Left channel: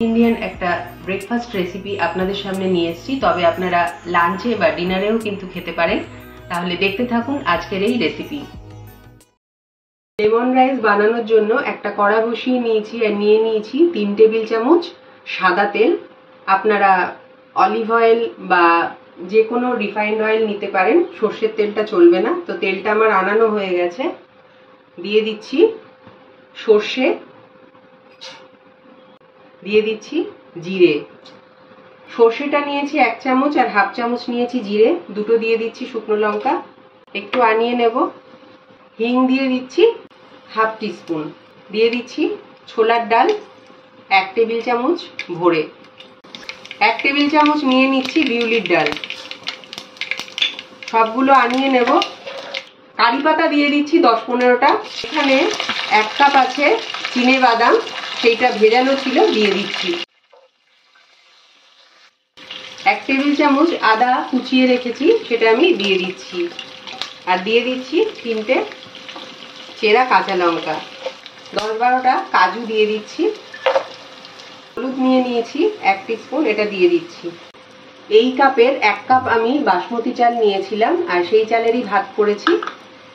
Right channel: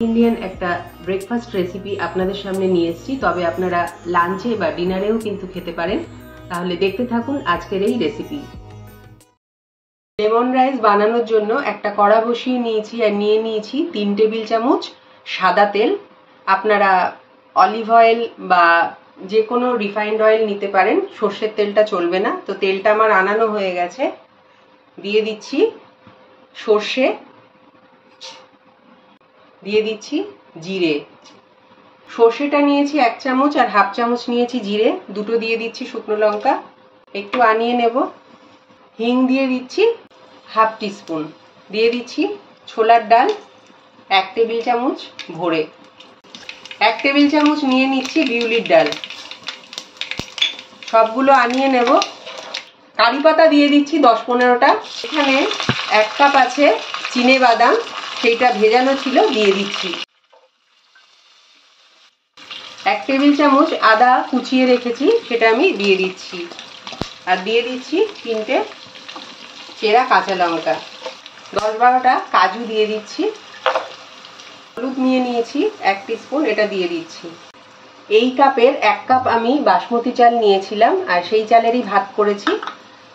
Indian একটা breakfast recipe আপনাদের সামনে নিয়ে এসেছি, তবে আপনারা লাঞ্চে বা ডিনারেও কিন্তু খেতে পারেন। তাহলে দেখতে থাকুন আজকের এই রেসিপি। লেমন রাইস বানানোর জন্য একটা কড়া বসিয়ে নিয়েছি আর নিয়ে নিয়েছি 3 টেবিল চামচ সাদা তেল। আপনারা অলিভ অয়েল বা যে কোনো রিফাইন্ড অয়েল নিতে পারেন, সর্ষের তেলটা চলবে না। তো তেলটা আমার আনানো হয়ে গেছে, দিয়ে দিচ্ছি সর্ষে, দিয়ে দিচ্ছি জিরে। সর্ষেটা নিয়েছি 1 চামচ আর হাফ চামচ নিয়েছি জিরে, দুটো দিয়ে দিচ্ছি শুকনো লঙ্কা, একটু আনিয়ে নেব। হিং দিয়ে দিচ্ছি হাফ টিস্পুন, দিয়ে দিচ্ছি ছোলার ডাল 1 টেবিল চামচ ভরে, 1 টেবিল চামচ নিয়ে নিচ্ছি বিউলির ডাল। সবগুলো আনিয়ে নেব। কারি পাতা দিয়ে দিচ্ছি 10-15টা। এখানে 1 কাপ আছে চিনে বাদাম, সেইটা ভেজানো ছিল, দিয়ে দিচ্ছি। 1 টেবিল চামচ আদা কুচিয়ে রেখেছি, সেটা আমি দিয়ে দিচ্ছি। আর দিয়ে দিচ্ছি 3টে চেরা কাঁচা লঙ্কা, 10-12টা কাজু দিয়ে দিচ্ছি। হলুদ নিয়ে নিয়েছি 1 টিস্পুন, এটা দিয়ে দিচ্ছি। এই কাপের 1 কাপ আমি বাসমতি চাল নিয়েছিলাম আর সেই চালেরই ভাত করেছি।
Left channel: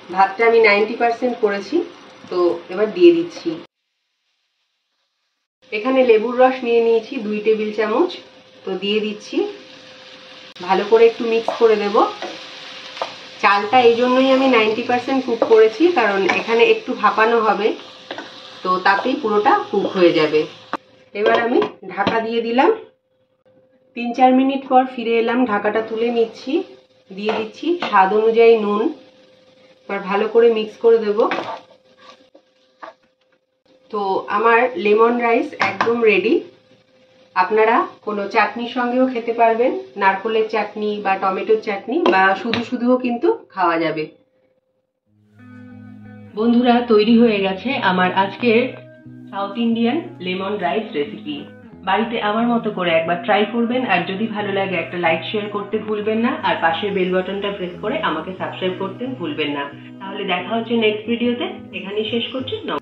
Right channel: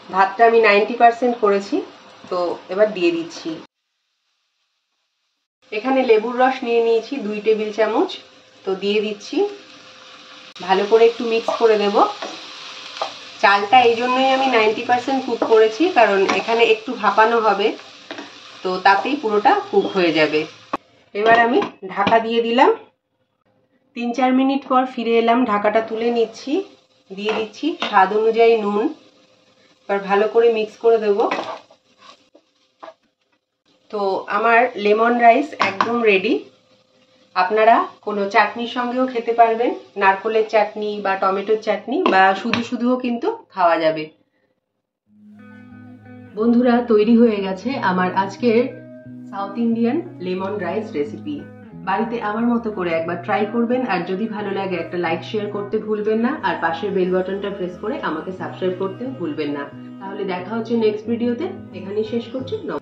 ভাতটা আমি 90% করেছি। তো এবার দিয়ে দিচ্ছি। এখানে লেবুর রস নিয়ে নিয়েছি 2 টেবিল চামচ, তো দিয়ে দিচ্ছি। ভালো করে একটু মিক্স করে দেব। চালটা এই জন্যই আমি 90% কুক করেছি, কারণ এখানে একটু ভাপানো হবে, তো তাতেই পুরোটা কুক হয়ে যাবে। এবার আমি ঢাকা দিয়ে দিলাম। 3-4 মিনিট পর ফিরে এলাম, ঢাকাটা তুলে নিচ্ছি। দিয়ে দিচ্ছি স্বাদ অনুযায়ী নুন। এবার ভালো করে মিক্স করে দেব। তো আমার লেমন রাইস একদম রেডি। আপনারা কোনো চাটনির সঙ্গেও খেতে পারবেন, নারকেলের চাটনি বা টমেটোর চাটনি, বা শুধু শুধুও কিন্তু খাওয়া যাবে। বন্ধুরা, তৈরি হয়ে গেছে আমার আজকের south Indian lemon rice recipe. বাড়িতে আমার মতো করে একবার ট্রাই করবেন, আর যদি ভালো লাগে একটা লাইক শেয়ার করতে ভুলবেন না, আর পাশের বেল বাটনটা প্রেস করে আমাকে সাবস্ক্রাইব করতে ভুলবেন না। তাহলে দেখা হচ্ছে নেক্সট ভিডিওতে। এখানেই শেষ করছি। নমস্কার।